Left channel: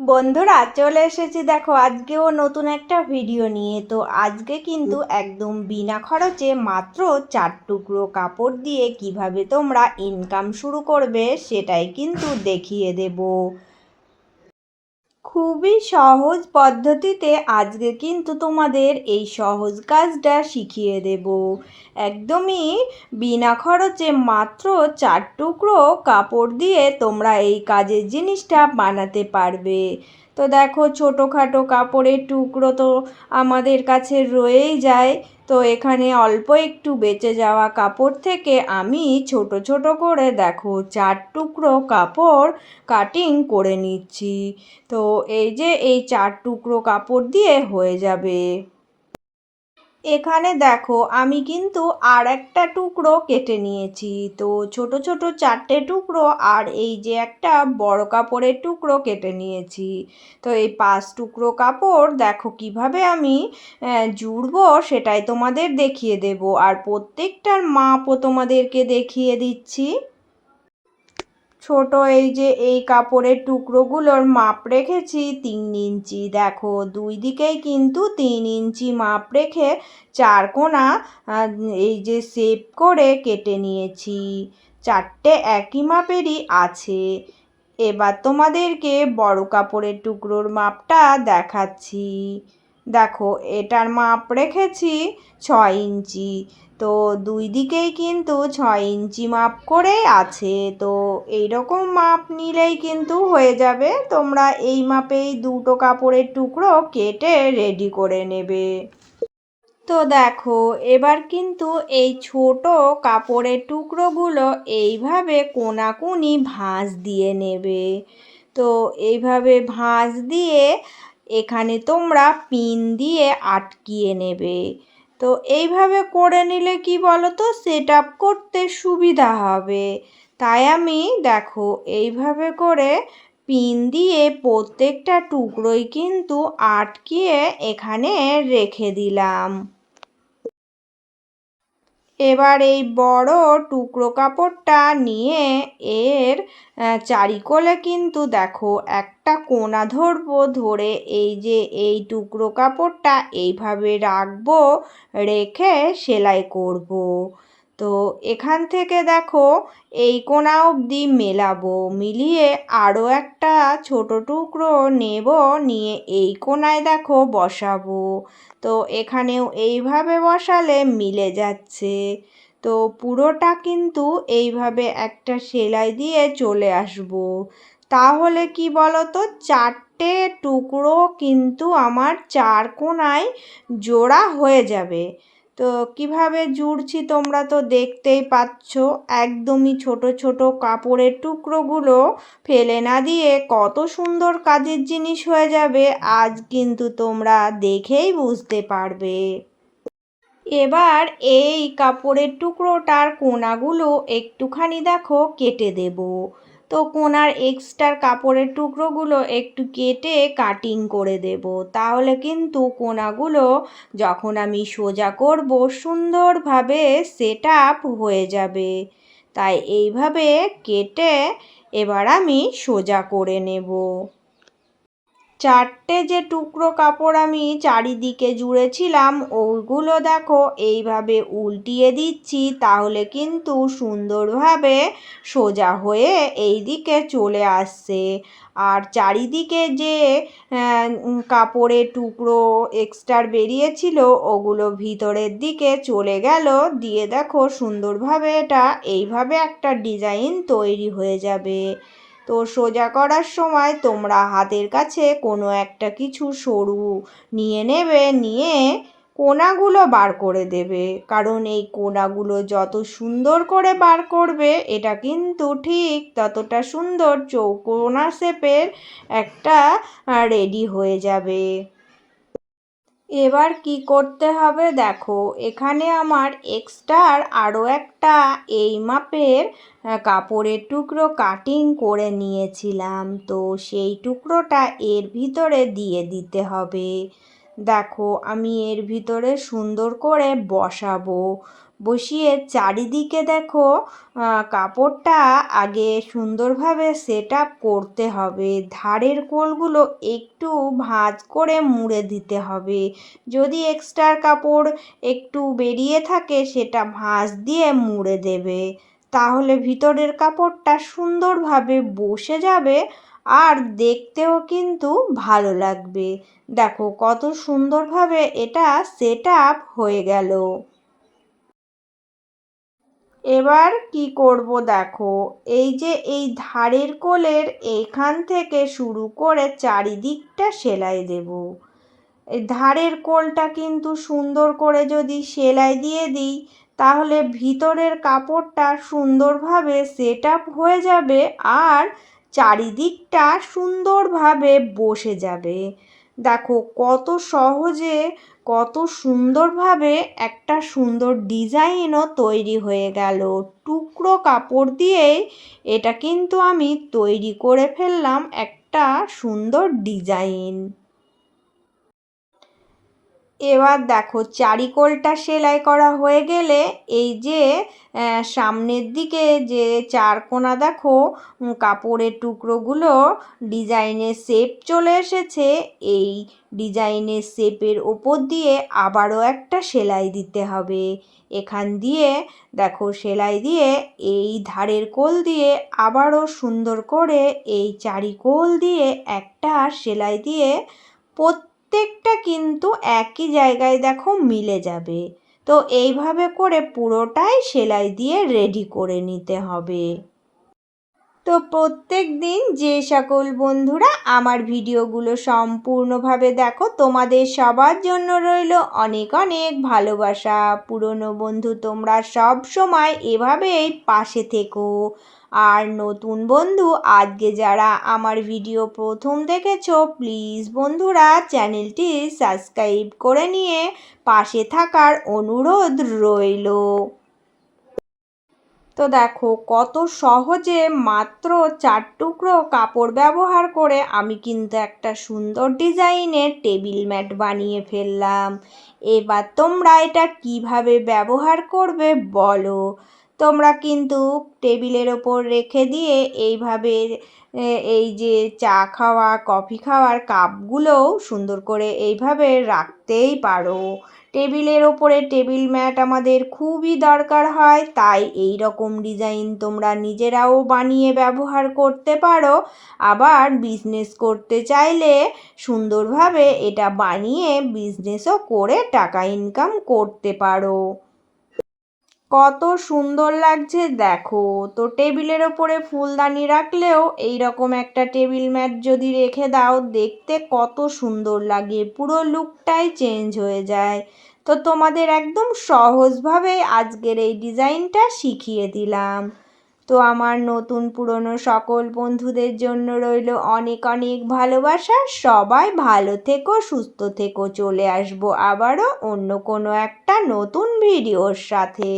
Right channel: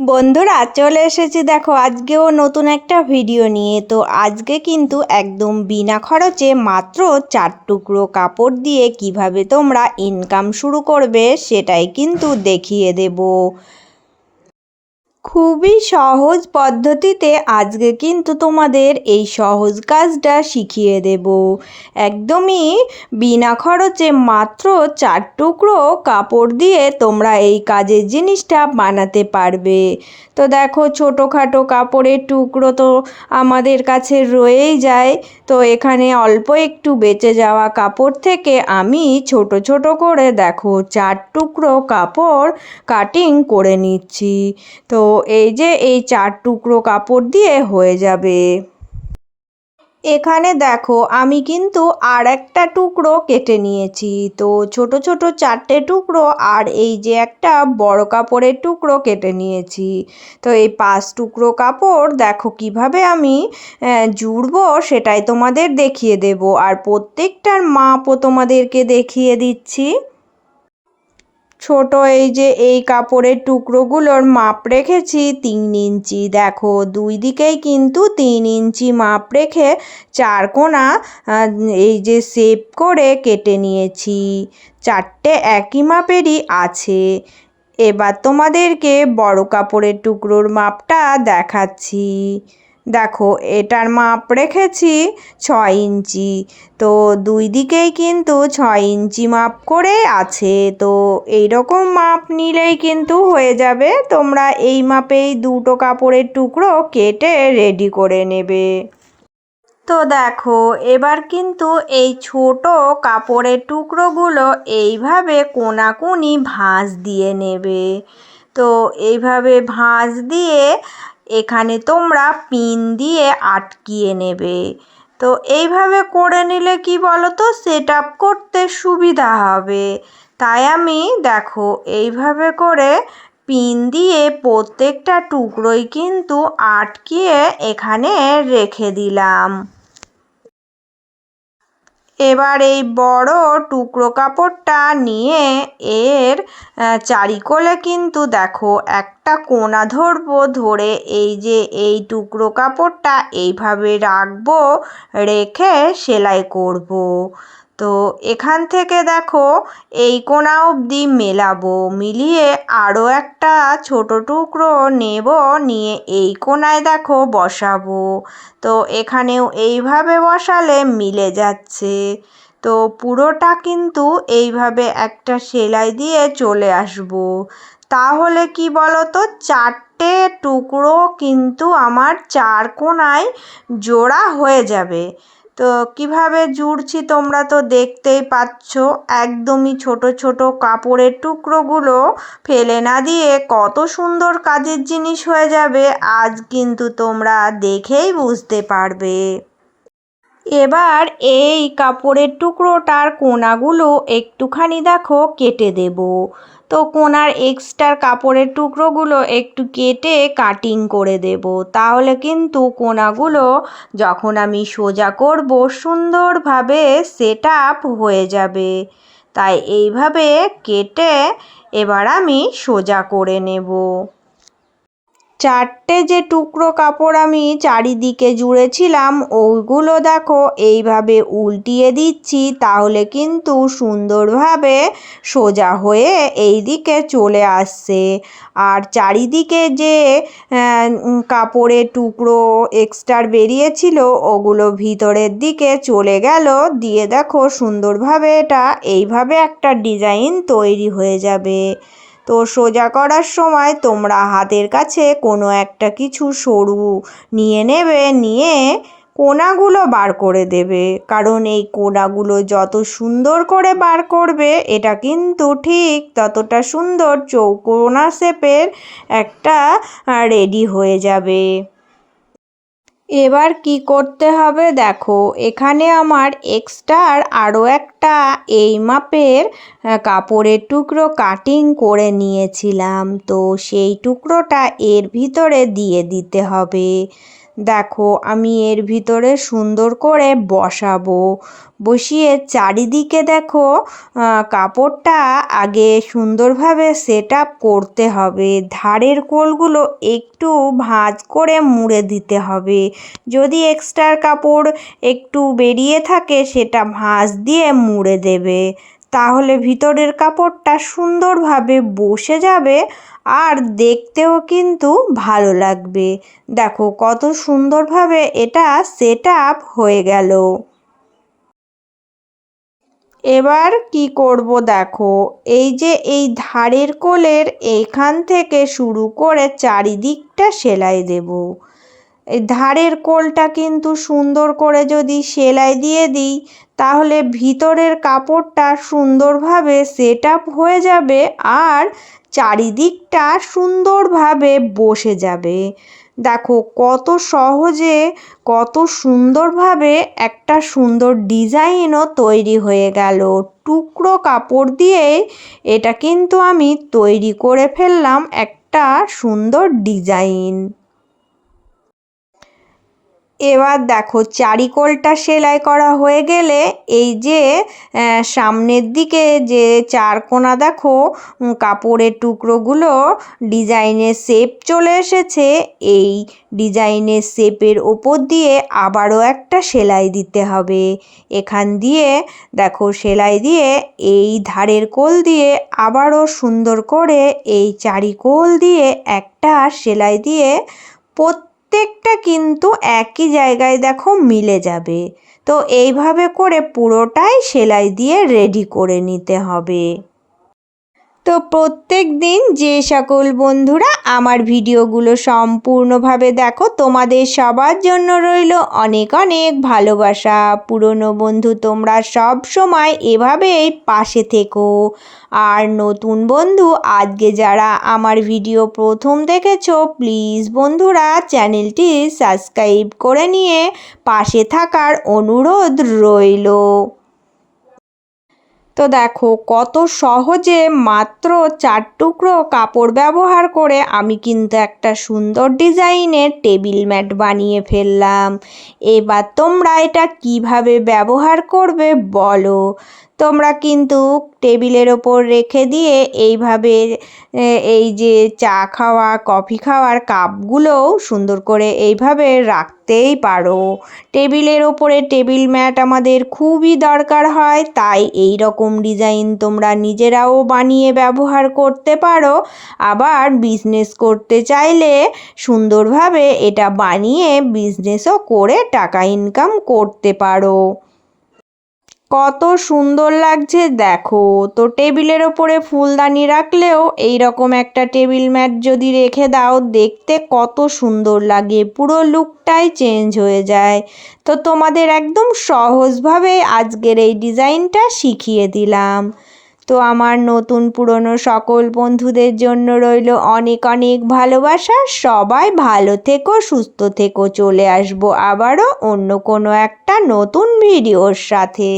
বন্ধুরা চলে এসেছি, দেখো আজকেও নতুন একটা ভিডিও নিয়ে। তো আজকে কিন্তু একদম বিনা খরচে মাত্র 4 টুকরো কাপড় দিয়ে কিভাবে তোমরা ইনকাম শুরু করবে সেটাই কিন্তু দেখিয়ে দেব। খুবই সহজ পদ্ধতিতে আজকে কিন্তু তোমাদের এই সহজ কাজটা শিখিয়ে দেব। একদমই বিনা খরচে মাত্র 4 টুকরো কাপড় দিয়ে তোমরা এই কাজের জিনিসটা বানাতে পারবে। তো দেখো, ছোটোখাটো কাপড়ের টুকরো তো আমাদের কাছে রয়েই যায়। তো এখানে অল্প একটু বেঁচে যাওয়া কাপড় থেকে আমি ছোট ছোট করে দেখো 4 টুকরো কাপড় কাটিং করে নিচ্ছি। তো এই যে এই 4 টুকরো কাপড় দিয়ে হয়ে যাবে। এখানে দেখো আমি কিন্তু আর একটা টুকরো কেটে নিয়েছি। তো ছোট ছোট 4টে টুকরো আর এই যে একটা বড় কাপড়ের টুকরো কেটে নিয়েছি। তো এই 5 টুকরো কাপড় দেখো কিভাবে আমি জুড়বো সেটাই তোমাদের দেখিয়ে দেব, আর প্রত্যেকটার মাপও তোমাদেরকে দেখিয়ে দিচ্ছি। ছোট এই যে এই কাপড়ের টুকরোগুলোর মাপ রেখেছি 3 ইঞ্চি। দেখো দুই দিকেই কিন্তু 3 ইঞ্চি মাপ রেখে 4 কোণা এই যে শেপ করে কেটে নিয়েছি। 4টে একই মাপেরই আছে। এবার তোমাদেরকে বড় কাপড়ের টুকরোর মাপটা দেখাচ্ছি। দেখো এটার মাপ রেখেছি 6 ইঞ্চি। তো দুই দিকেই কিন্তু 6 ইঞ্চি মাপ করে আছে। তো এই রকম মাপ নিলেই কিন্তু হয়ে যাবে। তোমরা এই মাপেই দুটো কাপড়ের টুকরো কেটে রেডি করে নেবে। তো দেখো এবার কিন্তু এই ছোট কাপড়ের টুকরোগুলো এইভাবে কোনাকুনি ভাঁজ দিয়ে নেবে। তো এইভাবে ভাঁজ দিয়ে এখানে তোমরা পিন দিয়ে আটকিয়ে নেবে। তো এইভাবে করে নিলে কি বলো তো, সেট আপ করতে সুবিধা হবে। তাই আমি দেখো এইভাবে করে পিন দিয়ে প্রত্যেকটা টুকরোই কিন্তু আটকিয়ে এখানে রেখে দিলাম। এবার এই বড় টুকরো কাপড়টা নিয়ে এর চারিকোলে কিন্তু দেখো একটা কোণা ধরবো, ধরে এই যে এই টুকরো কাপড়টা এইভাবে রাখবো, রেখে সেলাই করব। তো এখান থেকে দেখো এই কোণা অবধি মেলাবো, মিলিয়ে আরও একটা ছোট টুকরো নেব, নিয়ে এই কোণায় দেখো বসাবো। তো এখানেও এইভাবে বসালে মিলে যাচ্ছে। তো পুরোটা কিন্তু এইভাবে একটা সেলাই দিয়ে চলে আসবো। তাহলে কি বলো তো, 4টে টুকরো কিন্তু আমার 4 কোণায় জোড়া হয়ে যাবে। তো কিভাবে জুড়ছি তোমরা তো দেখতেই পাচ্ছ। একদমই ছোট ছোট কাপড়ের টুকরোগুলো ফেলে না দিয়ে কত সুন্দর কাজের জিনিস হয়ে যাবে আজ কিন্তু তোমরা দেখেই বুঝতে পারবে। এবার এই কাপড়ের টুকরোটার কোণাগুলো একটুখানি দেখো কেটে দেব। তো কোণার এক্সট্রা কাপড়ের টুকরোগুলো একটু কেটে কাটিং করে দেব। তাহলে কিন্তু কোণাগুলো যখন আমি সোজা করব সুন্দরভাবে সেট আপ হয়ে যাবে। তাই এইভাবে কেটে এবার আমি সোজা করে নেব। 4টে যে টুকরো কাপড় আমি চারিদিকে জুড়েছিলাম ওইগুলো দেখো এইভাবে উল্টিয়ে দিচ্ছি, তাহলে কিন্তু সুন্দরভাবে সোজা হয়ে এই দিকে চলে আসছে। আর চারিদিকে যে কাপড়ের টুকরো এক্সট্রা বেরিয়েছিল ওগুলো ভিতরের দিকে চলে গেল, দিয়ে দেখো সুন্দরভাবে এটা এইভাবে একটা ডিজাইন তৈরি হয়ে যাবে। তো সোজা করার সময় তোমরা হাতের কাছে কোনো একটা কিছু সরু নিয়ে নেবে, নিয়ে কোণাগুলো বার করে দেবে। কারণ এই কোণাগুলো যত সুন্দর করে বার করবে এটা কিন্তু ঠিক ততটা সুন্দর চৌকোনা শেপের একটা রেডি হয়ে যাবে। এবার কি করতে হবে দেখো, এখানে আমার এক্সট্রা আরও একটা এই মাপের কাপড়ের টুকরো কাটিং করে নিয়েছিলাম। তো সেই টুকরোটা এর ভিতরে দিয়ে দিতে হবে। দেখো আমি এর ভিতরে সুন্দর করে বসাবো। বসিয়ে চারিদিকে দেখো কাপড়টা আগে সুন্দরভাবে সেট আপ করতে হবে। ধারের কোলগুলো একটু ভাঁজ করে মুড়ে দিতে হবে। যদি এক্সট্রা কাপড় একটু বেরিয়ে থাকে সেটা ভাঁজ দিয়ে মুড়ে দেবে, তাহলে ভিতরের কাপড়টা সুন্দরভাবে বসে যাবে আর দেখতেও কিন্তু ভালো লাগবে। দেখো কত সুন্দরভাবে এটা সেট আপ হয়ে গেল। এবার কি করব দেখো, এই যে এই ধারের কোলের এইখান থেকে শুরু করে চারিদিকটা সেলাই দেব। এই ধারের কোলটা কিন্তু সুন্দর করে যদি সেলাই দিয়ে দিই তাহলে ভিতরের কাপড়টা সুন্দরভাবে সেট আপ হয়ে যাবে আর চারিদিকটা সুন্দরভাবে বসে যাবে। দেখো কত সহজে কত সুন্দরভাবে একটা সুন্দর ডিজাইনও তৈরি হয়ে গেল। টুকরো কাপড় দিয়ে এটা কিন্তু আমি তৈরি করে ফেললাম একটা সুন্দর ডিজাইন। এবার দেখো চারিকোলটা সেলাই করা হয়ে গেলে এই যে সামনের দিকে যে চারকোনা দেখো কাপড়ের টুকরোগুলো ডিজাইনের শেপ চলে এসেছে, এই ডিজাইনের শেপের ওপর দিয়ে আবারও একটা সেলাই দিতে হবে। এখান দিয়ে দেখো সেলাই দিয়ে এই ধারের কোল দিয়ে আবারও সুন্দর করে এই চারিকোল দিয়ে একটা সেলাই দিয়ে প্রত্যেকটা কিন্তু একই জায়গায় দেখো মিলে যাবে। তো এইভাবে করে পুরোটাই সেলাই দিয়ে রেডি করে নিতে হবে। তো প্রত্যেক দিন যে সকল বন্ধুরা আমার ভিডিওগুলো সম্পূর্ণভাবে দেখো, তোমাদের সবার জন্য রইল অনেক অনেক ভালোবাসা। পুরনো বন্ধু তোমরা সব সময় এভাবেই পাশে থেকো। আর নতুন বন্ধু আজকে যারা আমার ভিডিও প্রথম দেখেছো, প্লিজ বন্ধুরা চ্যানেলটি সাবস্ক্রাইব করে নিয়ে পাশে থাকার অনুরোধ রইল। তো দেখো কত সহজে মাত্র 4 টুকরো কাপড় ব্যবহার করে আমি কিন্তু একটা সুন্দর ডিজাইনের টেবিল ম্যাট বানিয়ে ফেললাম। এবার তোমরা এটা কিভাবে ব্যবহার করবে বলো। তোমরা কিন্তু টেবিলের ওপর রেখে দিয়ে এইভাবে এই যে চা খাওয়া কফি খাওয়ার কাপগুলোও সুন্দর করে এইভাবে রাখতেই পারো। টেবিলের ওপরে টেবিল ম্যাট আমাদের খুবই দরকার হয়, তাই এই রকম ডিজাইন তোমরা নিজেরাও বানিয়ে ব্যবহার করতে পারো। আবার বিজনেস করতে চাইলে সুন্দরভাবে এটা বানিয়ে বিজনেসও করে টাকা ইনকাম করতে পারো। কত সুন্দর লাগছে দেখো। তো টেবিলের ওপরে ফুলদানি রাখলেও এই রকম একটা টেবিল ম্যাট যদি রেখে দাও দেখতে কত সুন্দর লাগে, পুরো লুকটাই চেঞ্জ হয়ে যায়। তো তোমাদের একদম সহজভাবে আজকের এই ডিজাইনটা শিখিয়ে দিলাম। তো আমার নতুন পুরনো সকল বন্ধুদের জন্য রইল অনেক অনেক ভালোবাসা। সবাই ভালো থেকো, সুস্থ থেকো। চলে আসবো আবারও অন্য কোনো একটা নতুন ভিডিওর সাথে।